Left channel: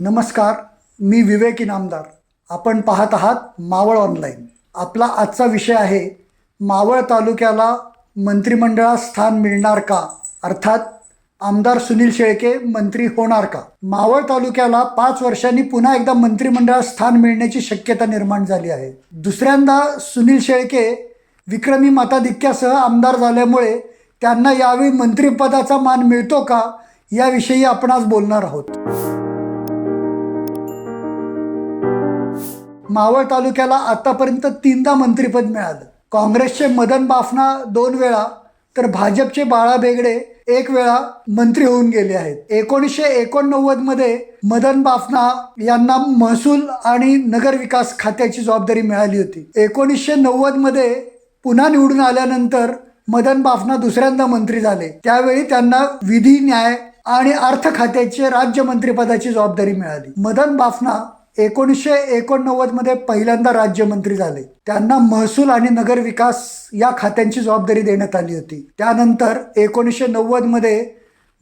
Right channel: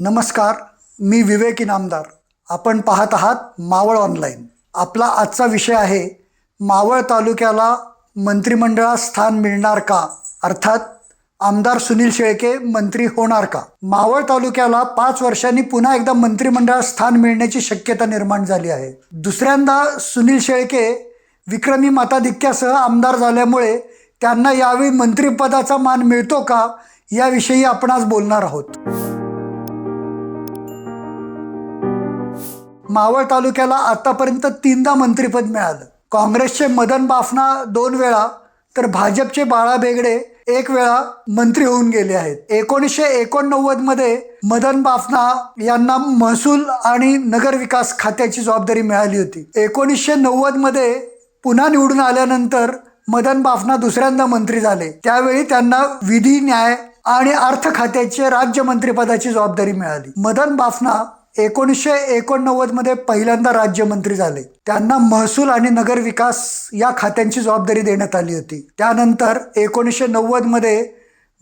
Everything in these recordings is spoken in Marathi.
नमस्कार मी विवेक इनामदार आपण पाहत आहात मावळ ऑनलाईन. आपला आजचा विषय आहे मावळ तालुक्याला मंत्रिमंडळात स्थान मिळणार का? अर्थात आमदार सुनील शेळके मंत्री होणार का? मावळ तालुक्याला पाच वर्षांनी पुन्हा एकदा मंत्रिमंडळात स्थान मिळण्याची शक्यता निर्माण झाली आहे. दुसऱ्यांदा सुनील शेळके विक्रमी मताधिक्यासह आमदार झाल्यामुळे त्यांना यावेळी मंत्रिपदाचा मान मिळतो का? याविषयी आपण आज बोलणार आहोत. मावळ तालुक्याला आतापर्यंत तीनदा मंत्रिपद मिळालं. काँग्रेसचे मदन बाफना दोन वेळा तर भाजपचे बाळा बेगडे एक वेळा मंत्री होऊन गेले आहेत. एकोणीसशे एकोणनव्वदमध्ये मदन बाफना यांना महसूल आणि नगर विकास खात्याची जबाबदारी मिळाली होती. एकोणीसशे नव्वदमध्ये पुन्हा निवडून आल्यानंतर मदन बाफना दुसऱ्यांदा मंत्री झाले. त्यावेळी त्यांना विधी न्याय आणि अर्थ खात्याचे राज्यमंत्रीपदाची जबाबदारी मिळाली. मदन बाफना एकोणीसशे एकोणनव्वदमध्ये पहिल्यांदा राज्यमंत्री झाले. त्यांना महसूल आणि नगर विकास या खात्यांची जबाबदारी देण्यात आली होती. त्यानंतर एकोणीसशे नव्वदमध्ये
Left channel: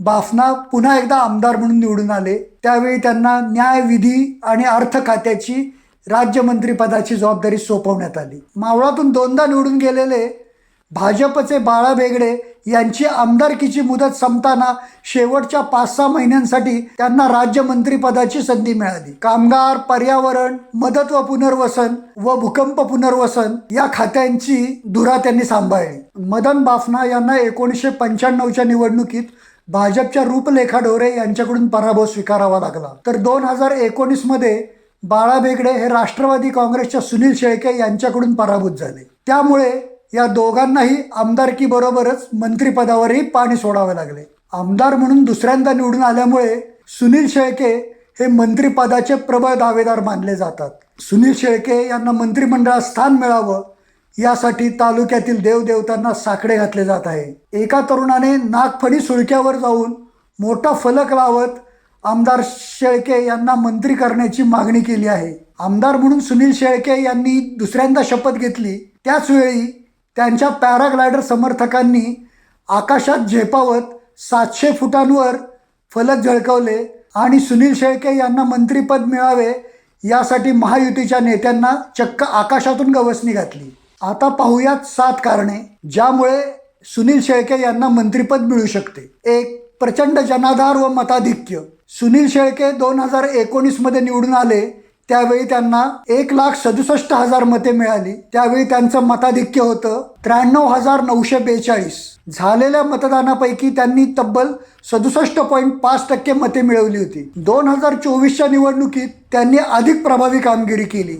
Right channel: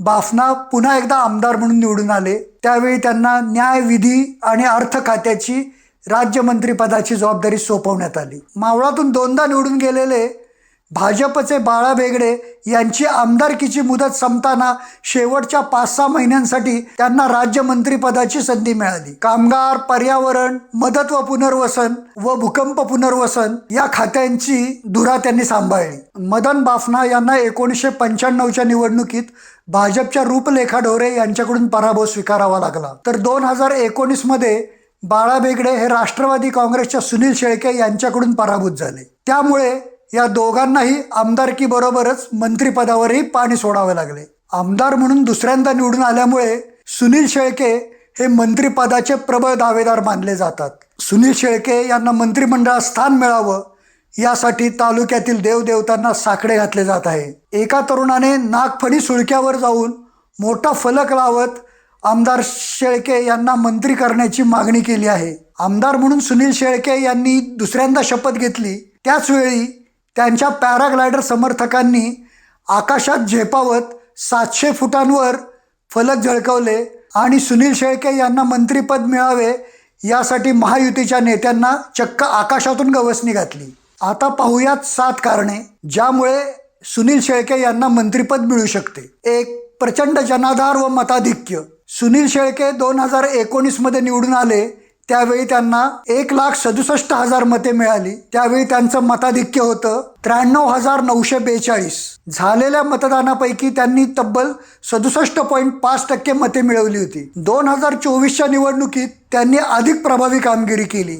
बाफना पुन्हा एकदा आमदार म्हणून निवडून आले. त्यावेळी त्यांना न्याय विधी आणि अर्थ खात्याची राज्यमंत्रीपदाची जबाबदारी सोपवण्यात आली. मावळातून दोनदा निवडून गेलेले भाजपचे बाळा बेगडे यांची आमदारकीची मुदत संपताना शेवटच्या पाच सहा महिन्यांसाठी त्यांना राज्यमंत्रीपदाची संधी मिळाली. कामगार पर्यावरण मदत व पुनर्वसन व भूकंप पुनर्वसन या खात्यांची धुरा त्यांनी सांभाळली. मदन बाफना यांना एकोणीसशे पंच्याण्णवच्या निवडणुकीत भाजपच्या रूपलेखा डोरे यांच्याकडून पराभव स्वीकारावा लागला. तर दोन हजार एकोणीसमध्ये बाळा बेगडे हे राष्ट्रवादी काँग्रेसच्या सुनील शेळके यांच्याकडून पराभूत झाले. त्यामुळे या दोघांनाही आमदारकी बरोबरच मंत्रिपदावरही पाणी सोडावे लागले. आमदार म्हणून दुसऱ्यांदा निवडून आल्यामुळे सुनील शेळके हे मंत्रिपदाचे प्रबळ दावेदार मानले जातात. सुनील शेळके यांना मंत्रिमंडळात स्थान मिळावं यासाठी तालुक्यातील देवदेवतांना साकडे घातले जात आहे. एका तरुणाने नागफणी सुळक्यावर जाऊन मोठा फलक लावत आमदार शेळके यांना मंत्री करण्याची मागणी केली आहे. आमदार म्हणून सुनील शेळके यांनी दुसऱ्यांदा शपथ घेतली. त्याच वेळी त्यांच्या पॅराग्लायडर समर्थकांनी आकाशात झेपावत सातशे फुटांवर फलक झळकवले आणि सुनील शेळके यांना मंत्रिपद मिळावे यासाठी महायुतीच्या नेत्यांना चक्क आकाशातून गवसणी घातली. आता पाहूयात सात कारणे ज्यामुळे सुनील शेळके यांना मंत्रिपद मिळू शकते. एक प्रचंड जनाधार व मताधिक्य. सुनील शेळके दोन हजार एकोणीसमध्ये निवडून आले त्यावेळी त्यांना एक लाख सदुसष्ट हजार मते मिळाली. त्यावेळी त्यांचं मताधिक्य होतं त्र्याण्णव हजार नऊशे बेचाळीस. झालेल्या मतदानापैकी त्यांनी तब्बल सदुसष्ट पॉईंट पाच टक्के मते मिळवली होती. दोन हजार चोवीसच्या निवडणुकीत त्यांनी अधिक प्रभावी कामगिरी केली.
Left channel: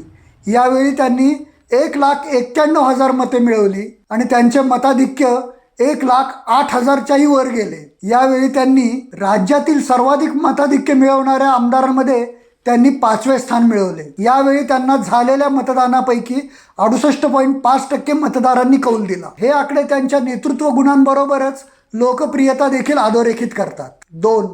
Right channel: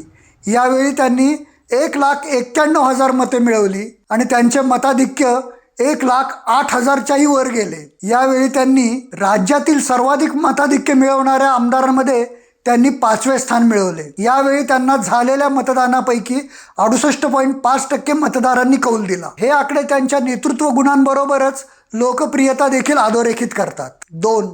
यावेळी त्यांनी एक लाख एक्क्याण्णव हजार मते मिळवली आणि त्यांचे मताधिक्य एक लाख आठ हजारच्याही वर गेले. यावेळी त्यांनी राज्यातील सर्वाधिक मताधिक्य मिळवणाऱ्या आमदारांमध्ये त्यांनी पाचवे स्थान मिळवले. यावेळी त्यांना झालेल्या मतदानापैकी अडुसष्ट पॉईंट पाच टक्के मतदारांनी कौल दिला. हे आकडे त्यांच्या नेतृत्व गुणांबरोबरच लोकप्रियता देखील अधोरेखित करतात. दोन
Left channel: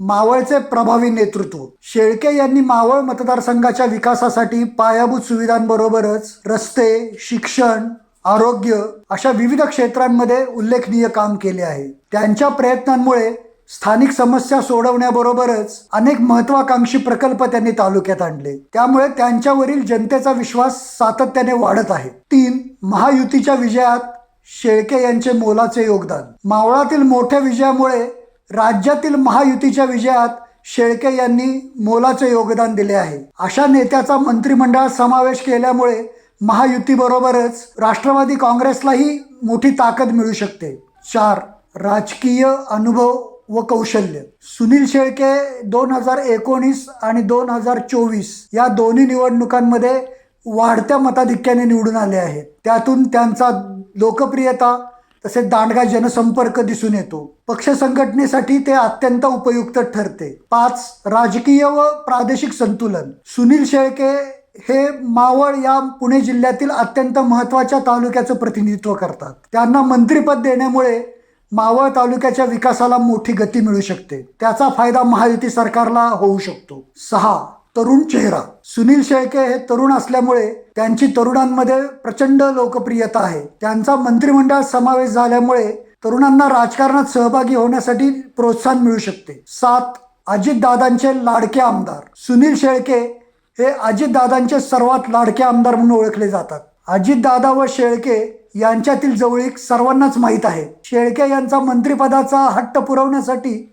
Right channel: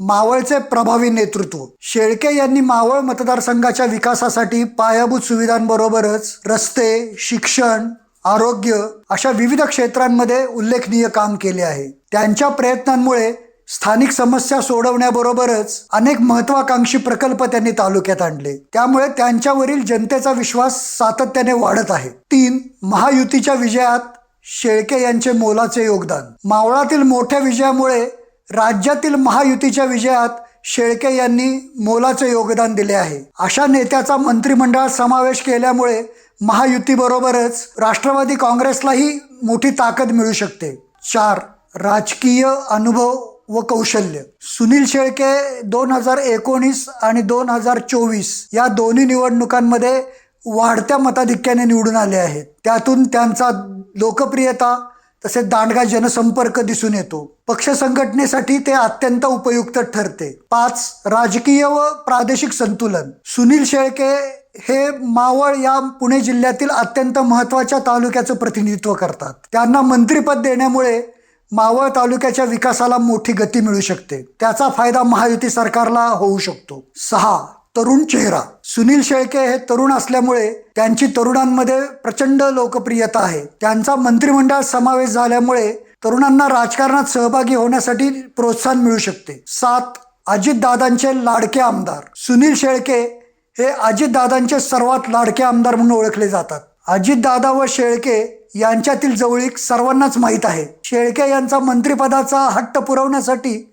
मावळचे प्रभावी नेतृत्व. शेळके यांनी मावळ मतदारसंघाच्या विकासासाठी पायाभूत सुविधांबरोबरच रस्ते शिक्षण आरोग्य अशा विविध क्षेत्रांमध्ये उल्लेखनीय काम केले आहे. त्यांच्या प्रयत्नांमुळे स्थानिक समस्या सोडवण्याबरोबरच अनेक महत्वाकांक्षी प्रकल्प त्यांनी तालुक्यात आणले. त्यामुळे त्यांच्यावरील जनतेचा विश्वास सातत्याने वाढत आहे. तीन महायुतीच्या विजयात शेळके यांचे मोलाचे योगदान. मावळातील मोठ्या विजयामुळे राज्यातील महायुतीच्या विजयात शेळके यांनी मोलाचे योगदान दिले आहे. अशा नेत्याचा मंत्रिमंडळात समावेश केल्यामुळे महायुतीबरोबरच राष्ट्रवादी काँग्रेसलाही मोठी ताकद मिळू शकते. चार राजकीय अनुभव व कौशल्य. सुनील शेळके दोन हजार एकोणीस आणि दोन हजार चोवीस या दोन्ही निवडणुकांमध्ये वाढत्या मताधिक्याने निवडून आले आहेत. त्यातून त्यांचा लोकप्रियता तसेच दांडगा जनसंपर्क दिसून येतो. पक्ष संघटनेसाठी ते अत्यंत उपयुक्त ठरते. पाच राजकीय व प्रादेशिक संतुलन. सुनील शेळके हे मावळ या पुणे जिल्ह्यातील अत्यंत महत्त्वाच्या तालुक्याचं प्रतिनिधित्व करतात. त्यांना मंत्रिपद देण्यामुळे मावळ तालुक्याच्या विकासाला मोठी गती मिळू शकते. त्याचा फायदा महायुती सरकारला होऊ शकतो. सहा. तरुण चेहरा. सुनील शेळके हे तरुण असल्यामुळे त्यांची तरुणांमध्ये प्रचंड लोकप्रियता आहे. त्यांचा मंत्रिमंडळात समावेश झाल्यामुळे तरुणांना राजकारणात सहभागी होण्यासाठी प्रोत्साहन मिळू शकते. सात. अजितदादांचे लाडके आमदार. सुनील शेळके हे अजितदादांचे सर्वात लाडके आमदार म्हणून ओळखले जातात. अजितदादा व शेळके यांच्यातील जवळीक सर्वांनाच माहीत आहे. शेळके यांचा मंत्रिपदाचा हट्ट पुरवण्यासाठी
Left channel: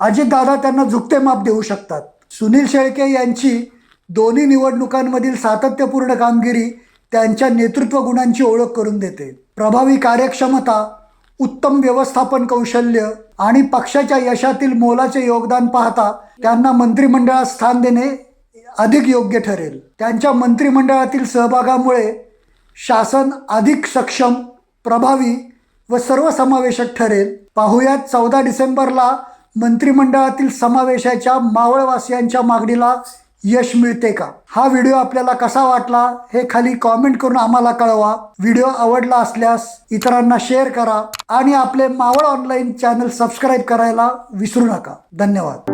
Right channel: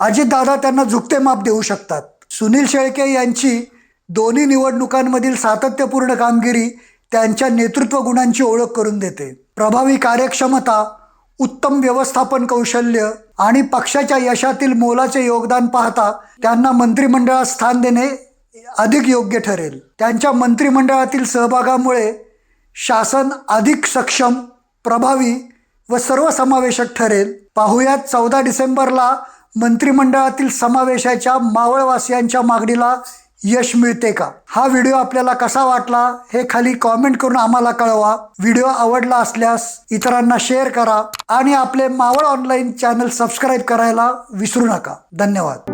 अजितदादा त्यांना झुकते माप देऊ शकतात. सुनील शेळके यांची दोन्ही निवडणुकांमधील सातत्यपूर्ण कामगिरी त्यांच्या नेतृत्व गुणांची ओळख करून देते. प्रभावी कार्यक्षमता उत्तम व्यवस्थापन कौशल्य आणि पक्षाच्या यशातील मोलाचे योगदान पाहता त्यांना मंत्रिमंडळात स्थान देणे अधिक योग्य ठरेल. त्यांच्या मंत्रिमंडळातील सहभागामुळे शासन अधिक सक्षम प्रभावी व सर्वसमावेशक ठरेल. पाहुयात चौदा डिसेंबरला मंत्रिमंडळातील समावेशाच्या मावळवासियांच्या मागणीला यश मिळते का? हा व्हिडिओ आपल्याला कसा वाटला हे खाली कॉमेंट करून आम्हाला कळवा. व्हिडिओ आवडला असल्यास इतरांना शेअर करा आणि आपले मावळ ऑनलाईन चॅनल सबस्क्राईब करायला विसरू नका. धन्यवाद.